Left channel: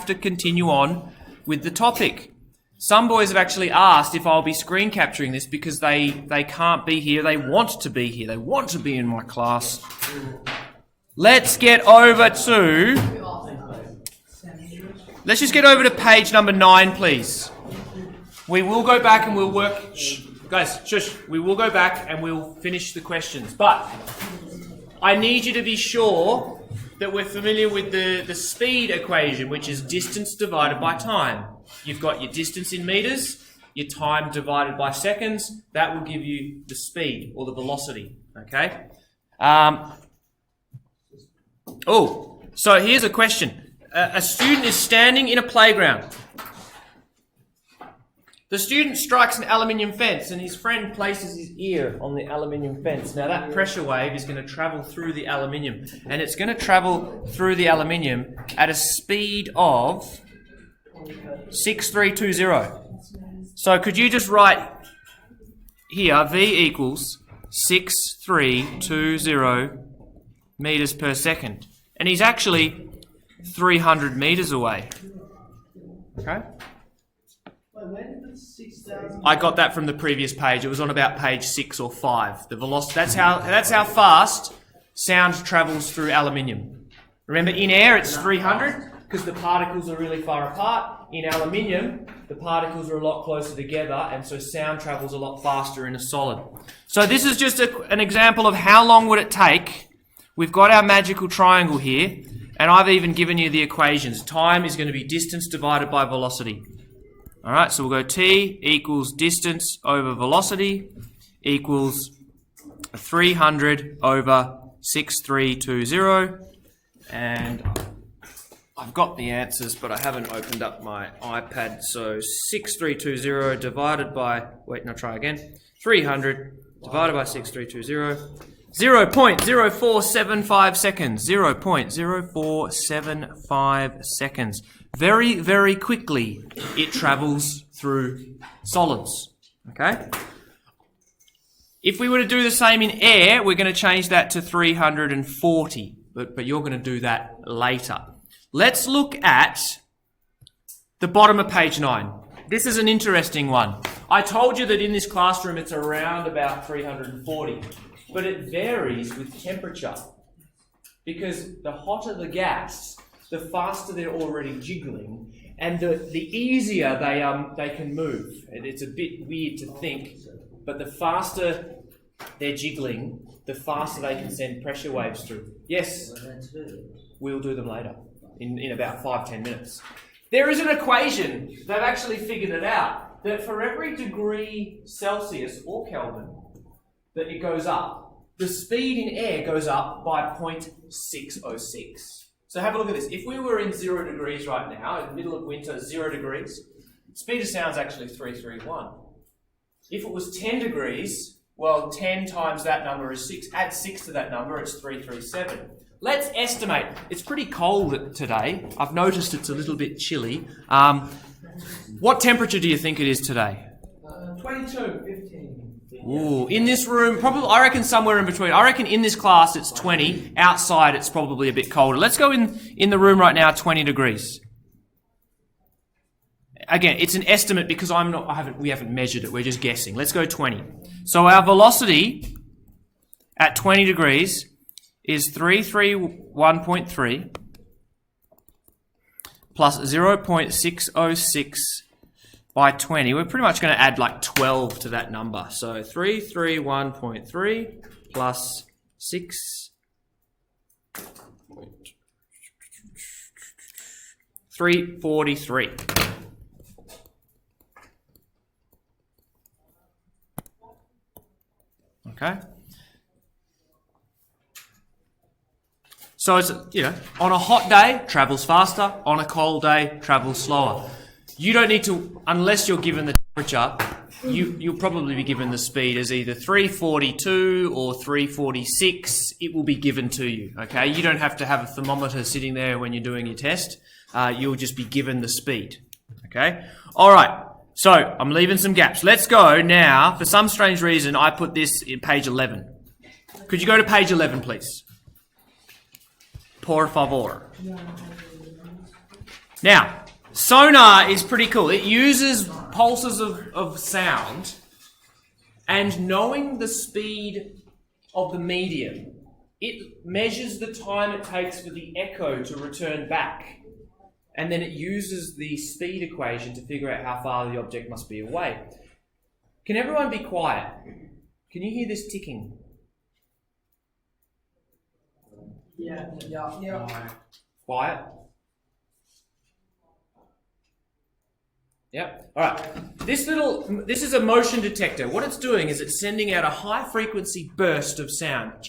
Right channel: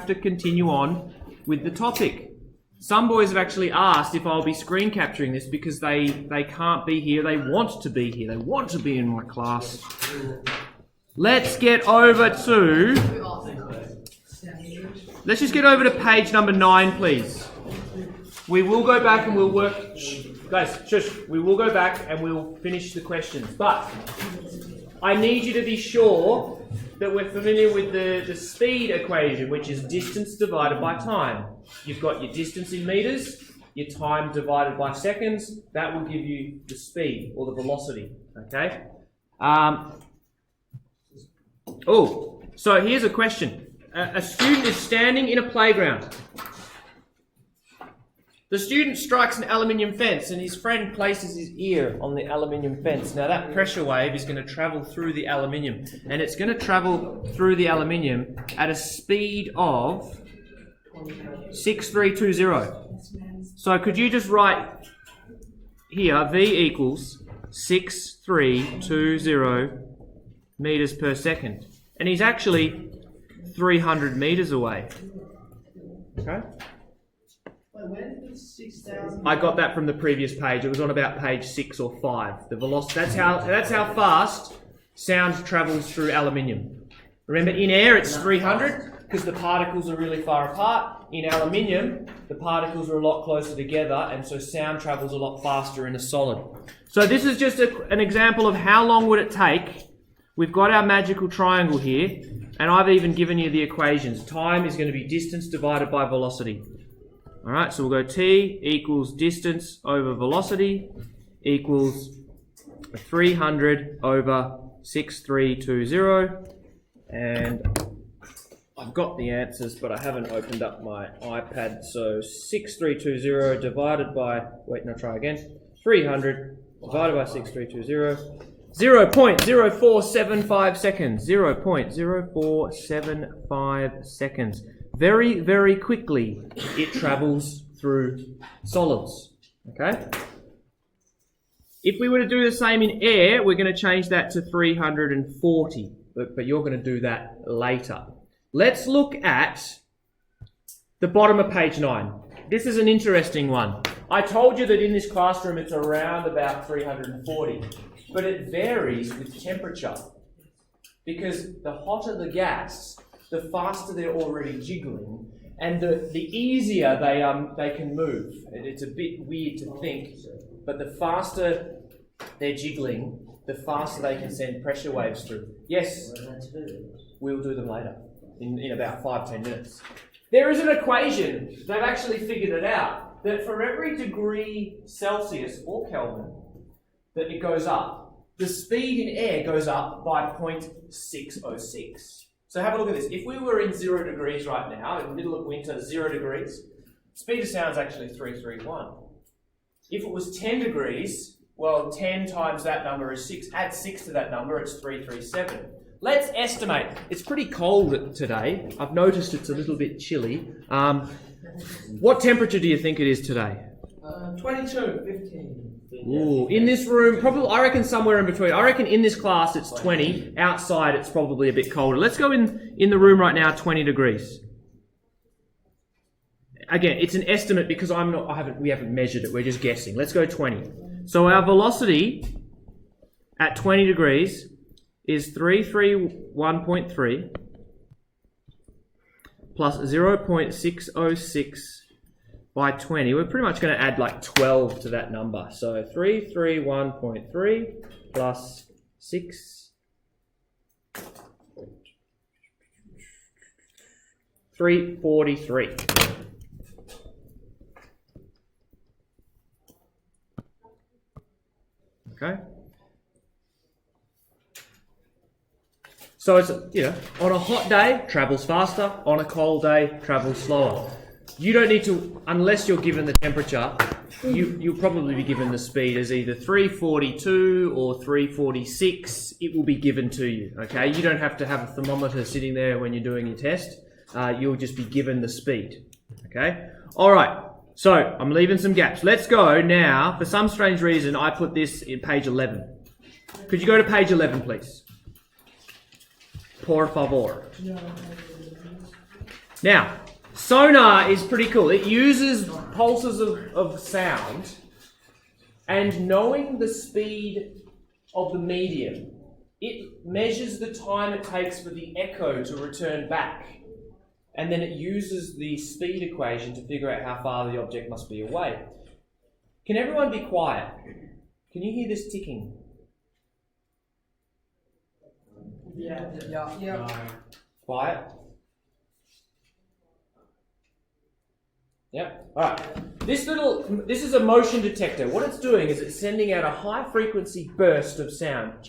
have to continue on with the topic. Some boys have actually asked if I'll be screen capturing this because they can't be here. They want to be here. They want to be in my class. Let's get over to... Let's just get over to page number 9, please. We will go back and we'll work... Shh, guys, shush. We will go back and we'll finish the questions. But I need you to be sure that we're familiar with the speed equation, which is distance divided by time. You've got your distance in meters, your time divided by seconds. That will give you the speed or the velocity, okay? So here's a question. A student is standing in a playground. The student strikes an aluminium fence and his friend places his ear on the aluminium fence. Now that pressure wave is going to travel through the aluminium, and it's going to travel through the aluminium at a speed of 6320. So could you just write here, V equals 6320 meters per second. And he's actually 300 meters away. Okay? I got that from the previous page. It was on about page 6 or 5. The velocity. That's how fast sound travels through aluminium. Remember, in air it's 300 because the particles are really far apart. In aluminium, the particles are a lot closer together, and so sound travels a lot faster in a solid. So this is just an example of how long would it take. We've got our magical triangle here, and I've even given you the equations. Time is going to be distance divided by velocity. All right, so we'll go T equals distance over velocity equals 300 over 6320. And I've got the answers, but I haven't opened up my iPad. So 6320 divided by, try again. 300 divided by 6320. 0.0475 seconds. 0.0475 seconds. Very, very quickly it travels through solids. Okay? If we were to do the same in air, we're going to change that to 340. But you're going to do that later. Let's look at the bottom of page 9. This is an interesting one. I told you that in this classroom it's around about 340. But it varies with temperature. Because the hotter the gas, the faster they're already jiggling, and the easier they can move. And it's a bit weird to think, but the faster they're jiggling, the faster they can send pressure waves through. Yes, we'll do them later, in about 5-10 minutes. There is an equation, they've actually figured it out, that for every degree Celsius or Kelvin that it goes up, the speed in air goes up by 0.606. So have a look at this. If we were in 0 degrees right now, in the middle of winter, 0 degrees, speed of sound is actually 331. If it was 10 degrees, well, 10 times that number is 6. Add 6 to that number, it's 337. Let's estimate. It's pretty cold today. I've noticed it's a little bit chilly. What temperature do you think it is today? 22, 15. Ooh, in this room, probably, I reckon somewhere in between. I reckon in this class it's 20. Outside it's probably a bit colder. Let's go in the room right now, 20 degrees. Again, it's an estimate because we haven't measured it. We're just guessing. Let's go 20. So our velocity at 20 degrees is 331.3 plus 0.606 by 20. We're pretty much going to add like 12 to that number. So 331.3 plus 6. 343. Okay. So it's, on a hot day, travels faster. On a cold day, travels slower. You don't need to, unless you're given the temperature, you'll probably be given the speed as either 342 or 346. It will be given to you, okay? You don't have to have a thermometer sitting there when you're doing your test. You'll just be given the speed, okay? All right, so I'm leaving some gaps. Let's go now. For some strange reason, I put this in page 11. Could you go to page 11, please? Por favor. Now, sonar is pretty cool. It uses pulses of sound, and knowing the speed of the medium, it measures the time it takes for the echo to return back. And then it uses the speed equation to figure out how far the object must be away. Can everyone be quiet? Can you hear this ticking? Yeah. Quiet? Yep. All right. This is a motion detector. What it's doing is it's sending out a high frequency burst of sound.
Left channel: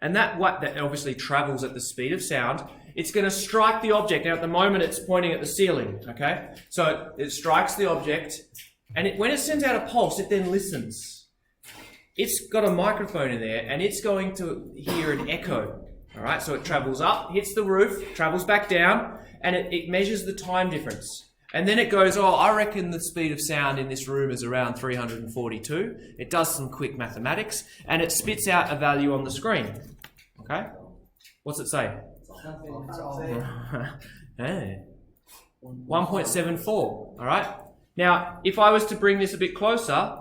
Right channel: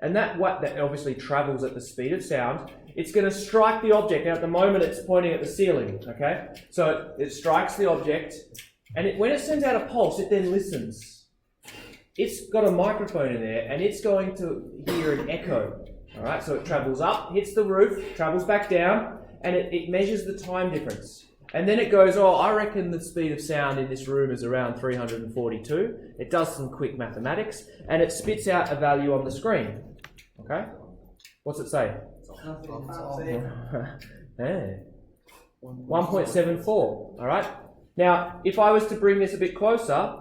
And that obviously travels at the speed of sound. It's going to strike the object. Now at the moment it's pointing at the ceiling, okay? So it strikes the object, and when it sends out a pulse, it then listens. It's got a microphone in there, and it's going to hear an echo. All right, so it travels up, hits the roof, travels back down, and it measures the time difference. And then it goes, oh, I reckon the speed of sound in this room is around 342. It does some quick mathematics, and it spits out a value on the screen. Okay? What's it say? Hey. 1.74. All right? Now, if I was to bring this a bit closer,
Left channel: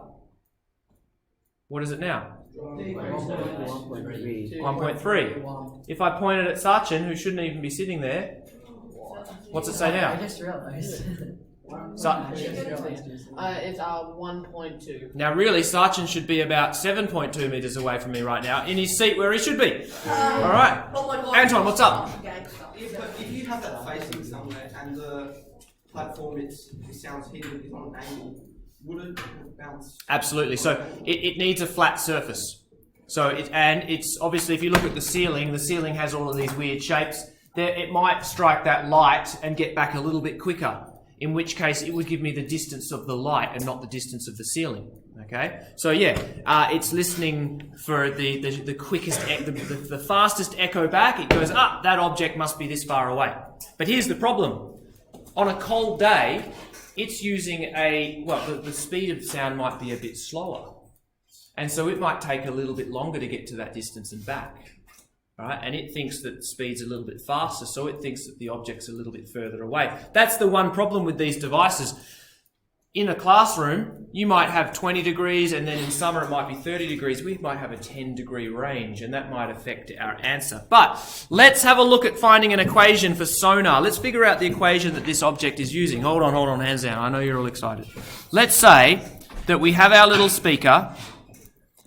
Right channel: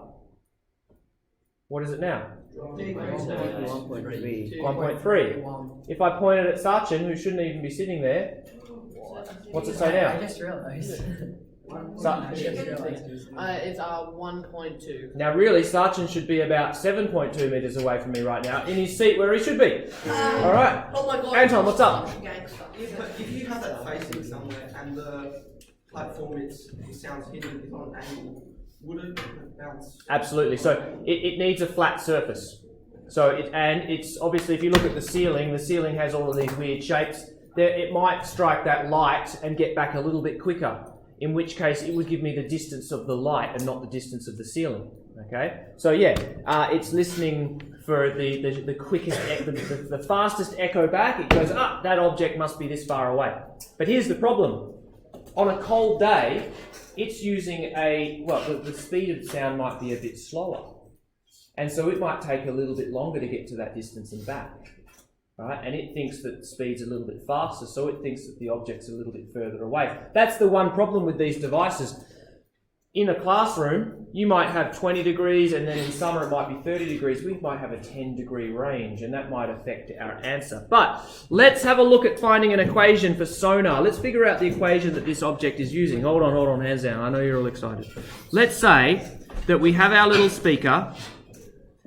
what is it now? 1.3. If I pointed at Sachin, who shouldn't even be sitting there, what's it say now? I just realised. So, It's 1.2. now really, Sachin should be about 7.2 metres away from me right now, in his seat where he should be. All right. Oh my God. Anton, what's up? If you have that facing somewhere and the platform it sounds hidden is on an angle, would it bounce? Absolutely. So it needs a flat surface. So it's obviously, if you look at the ceiling has all of these weird shapes. It might strike that light and get back a little bit quicker, in which case it would give me the distance of the light and not the distance of the ceiling. Okay, so yeah, it's listening for the quickest, the fastest echo back. It goes, that object must be this far away. But here's the problem: on a cold day, it's using the speed of sound might be a bit slower, and so it might take a little bit longer to get to that distance and back. Right? And it thinks that speed's a little bit faster, so it thinks that the object's a little bit further away. That's the one problem with these devices. In a classroom, you might have 20 degrees, and then in summer it might be 30 degrees. We might have a 10-degree range, and that might affect our answer. But let's have a look at finding an equation for sonar. Let's figure out the equation that this object is using. Hold on, hands down. I know you're all excited. Let's say that we have our little speaker,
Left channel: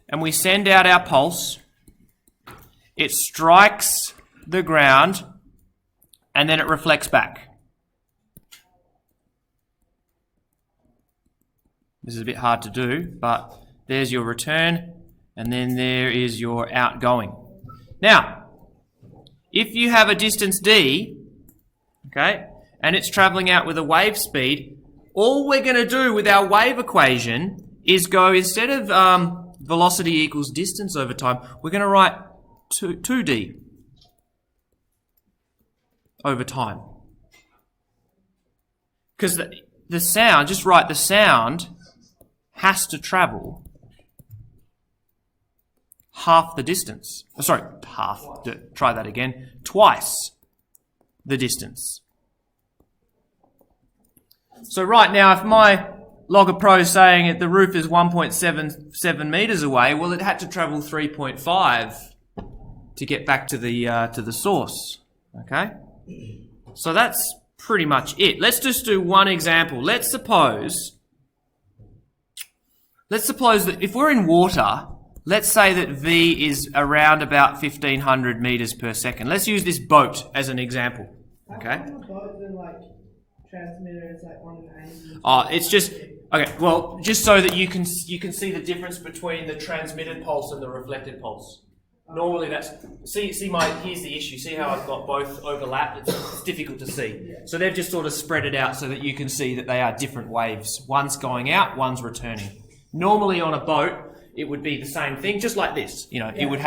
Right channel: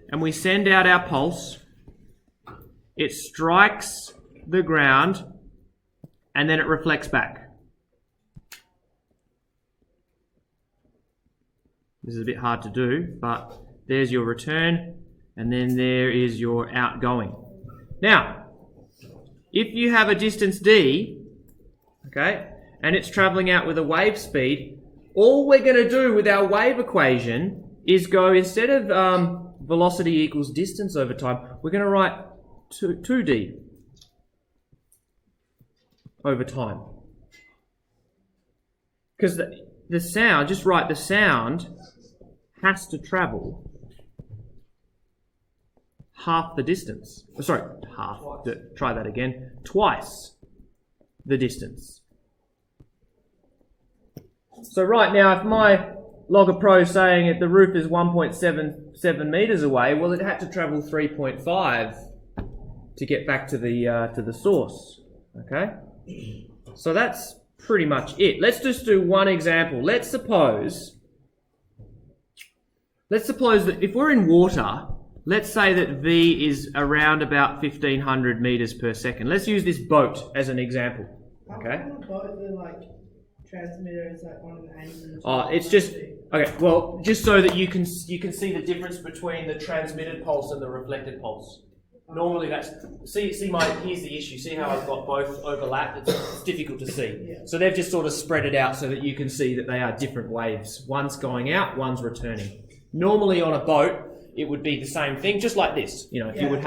and we send out our pulse. It strikes the ground, and then it reflects back. This is a bit hard to do, but there's your return, and then there is your outgoing. Now, if you have a distance d, okay, and it's travelling out with a wave speed, all we're going to do with our wave equation is go, instead of velocity equals distance over time, we're going to write 2d over time. Because the sound, just write the sound has to travel half the distance. Sorry, try that again. Twice the distance. So right now, if my Logger Pro is saying that the roof is 1.77 metres away, well, it had to travel 3.5 to get back to the source. Okay? So that's pretty much it. Let's just do one example. Let's suppose that if we're in water, let's say that V is around about 1,500 metres per second. Let's use this boat as an example. Okay? How about the transmitter is on an angle? Oh, it's just okay. Well, just so that you can see the difference between the transmitted pulse and the reflected pulse. Normally, that's here's the issue. See how I've got both overlapped? It's difficult to see. Yeah. So they've just sort of spread it out so that you can see that they are different waves. One's going out, one's returning. Normally on a boat, it would be the same thing, just like this. It would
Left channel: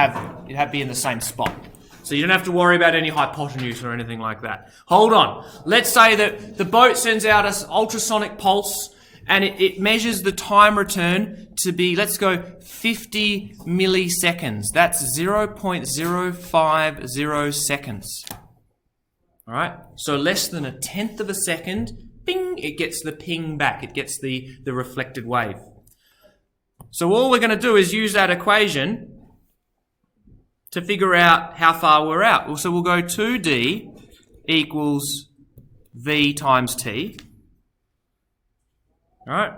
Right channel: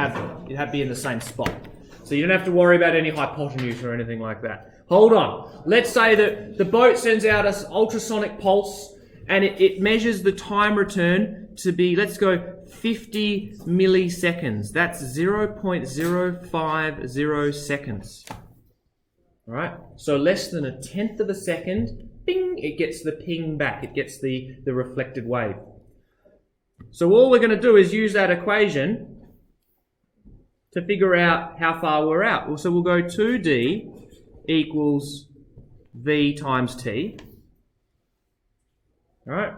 be in the same spot. So you don't have to worry about any hypotenuse or anything like that. Hold on. Let's say that the boat sends out an ultrasonic pulse, and it measures the time return to be, let's go, 50 milliseconds. That's 0.050 seconds. All right, so less than 1/10 of a second, bing, it gets the ping back. It gets the reflected wave. So all we're going to do is use that equation to figure out how far we're out. Well, so we'll go 2d equals v times t. All right.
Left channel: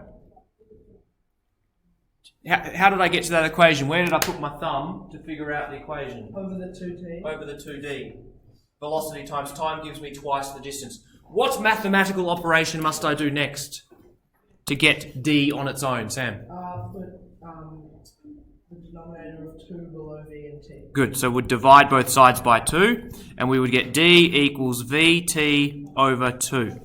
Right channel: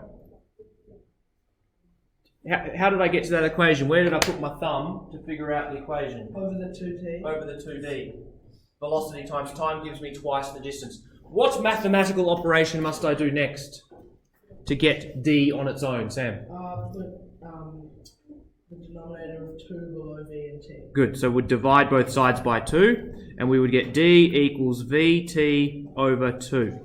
How did I get to that equation? Where did I put my thumb to figure out the equation? Over the 2t. Over the 2d. Velocity times time gives me twice the distance. What mathematical operation must I do next to get d on its own, Sam? Put the denominator of 2 below v and t. Good, so we'd divide both sides by 2, and we would get d equals vt over 2.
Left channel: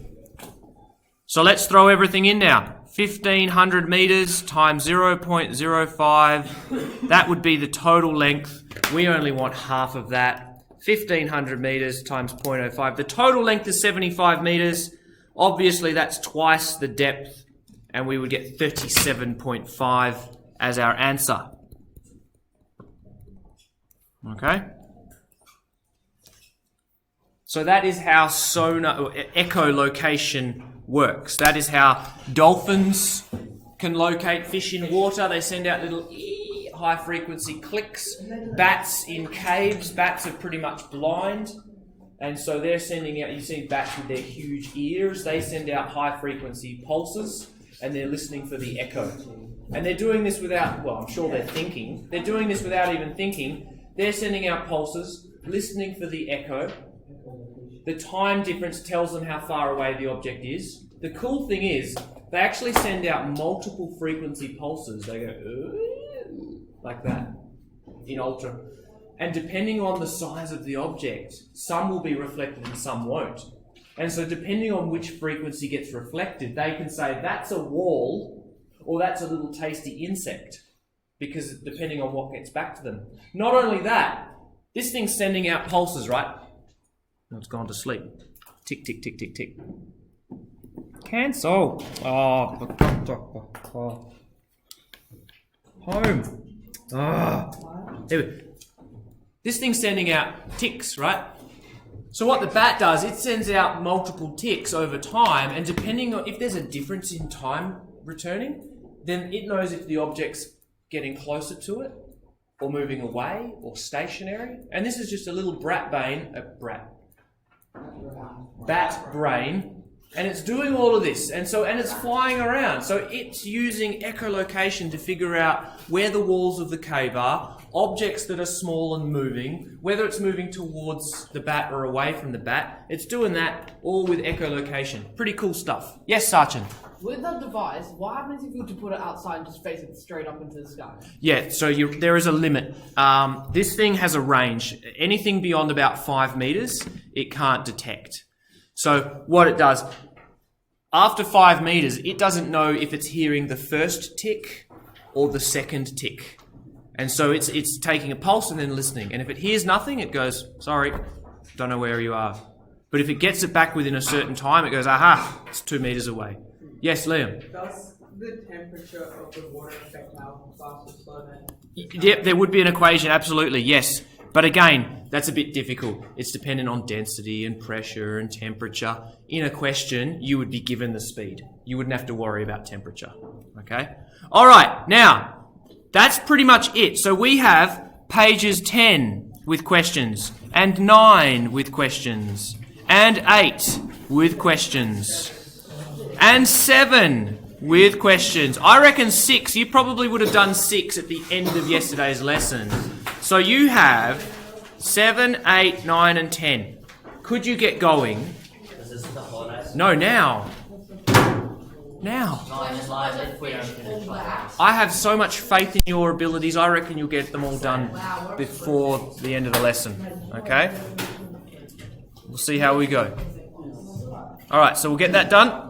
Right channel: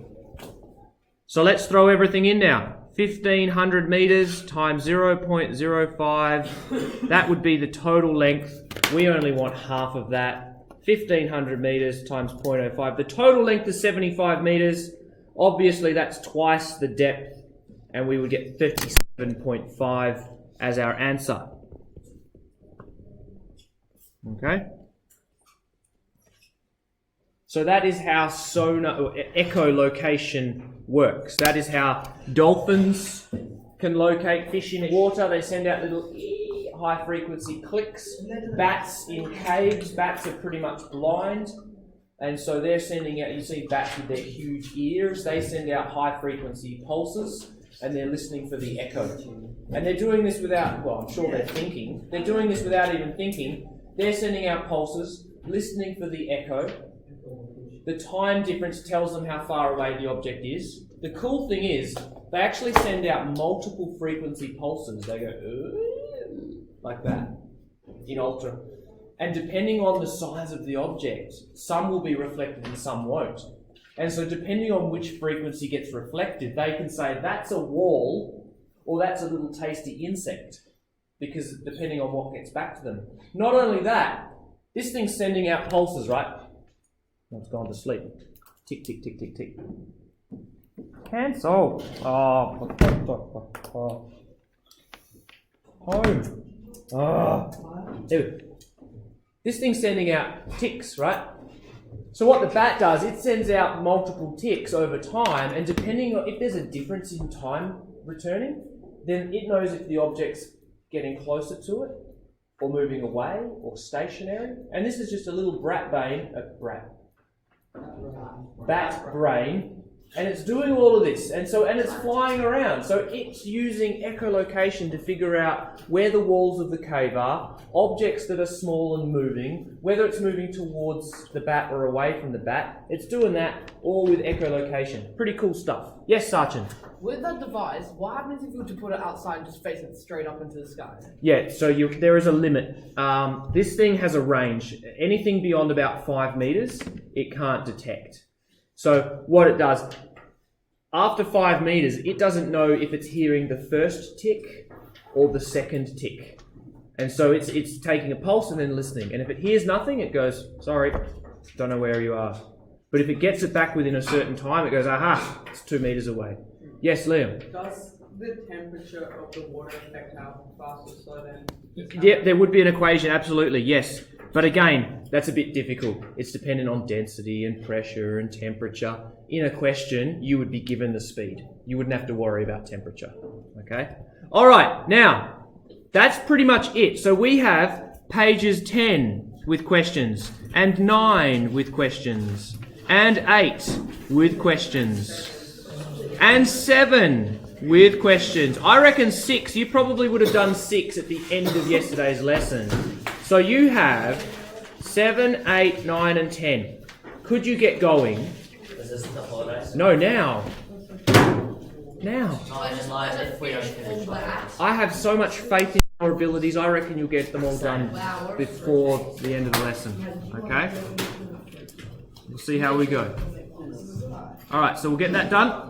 So let's throw everything in now. 1,500 metres times 0.05, that would be the total length. We only want half of that. 1,500 metres times 0.05. The total length is 75 metres. Obviously, that's twice the depth, and we would get 37.5 as our answer. Okay? So that is how sonar or echolocation works. That is how dolphins can locate fish in water. They send out little high frequency clicks. Bats in caves, bats are pretty much blind, and so they're sending out, you see bats with their huge ears, they send out high frequency pulses, and they're listening for the echo. And they're doing this without, well, I'm sure they're thinking. They're doing this without even thinking. They're sending out pulses, listening for the echo. The time difference tells them how far away the object is. The cool thing is, they actually send out multiple frequency pulses. They go, like that, in ultra. And depending on the size of the object, some will be reflected and some won't. And so depending on which frequency gets reflected, they can say that's a wall or that's a little tasty insect, because depending on what gets back to them. Not only that, this thing's sending out pulses, right? Now it's gone to sleep. Tick, tick, tick, tick, tick. Cancel. Oh. Home. There we go. This thing's sending out ticks, right? So what the bat does, it sends out multiple ticks over time, and depending on if there's a difference in time returning, then it knows if the object's getting closer to it, or moving away, or stationary. And this is just a little bat brain, and it's doing all of this, and it's flying around. So it's using echolocation to figure out where the walls of the cave are, objects that are small and moving, whether it's moving towards the bat or away from the bat. It's doing that all with echolocation. Pretty cool stuff. Yes, Sachin? With that device, what happens if you were to put it outside and just face it straight up into the sky? Yeah, so there is a limit. This thing has a range. Anything beyond about 5 meters, it can't detect. So what it does, after 5 meters, it doesn't know if it's hearing the first tick or the second tick. And so it's taking a pulse and then listening. And if it hears nothing, it goes, sorry, don't know where you are. But if it gets it back within a certain time, it goes, aha, it's 2 meters away. Yes, Liam? Does the temperature of the water affect how fast it slows down? Yep, there would be an equation, absolutely, yes. But again, that's a bit difficult. It's dependent on density and pressure and temperature. In a question, you would be given the speed. You wouldn't have to worry about temperature, okay? All right, now, that's pretty much it. So we have pages 10 with questions, and 9 with questions, and 8 with questions, and 7 with questions. I reckon 6. You probably would have done 6 at the end of yesterday's lesson. So you have 7, 8, 9, and 10. Could you get going? Is this the holidays? No, now. Now. I have so much faith in your abilities. I reckon you'll get them all done before the end of the lesson. Okay? We'll see how we go. All right, so we'll get that done.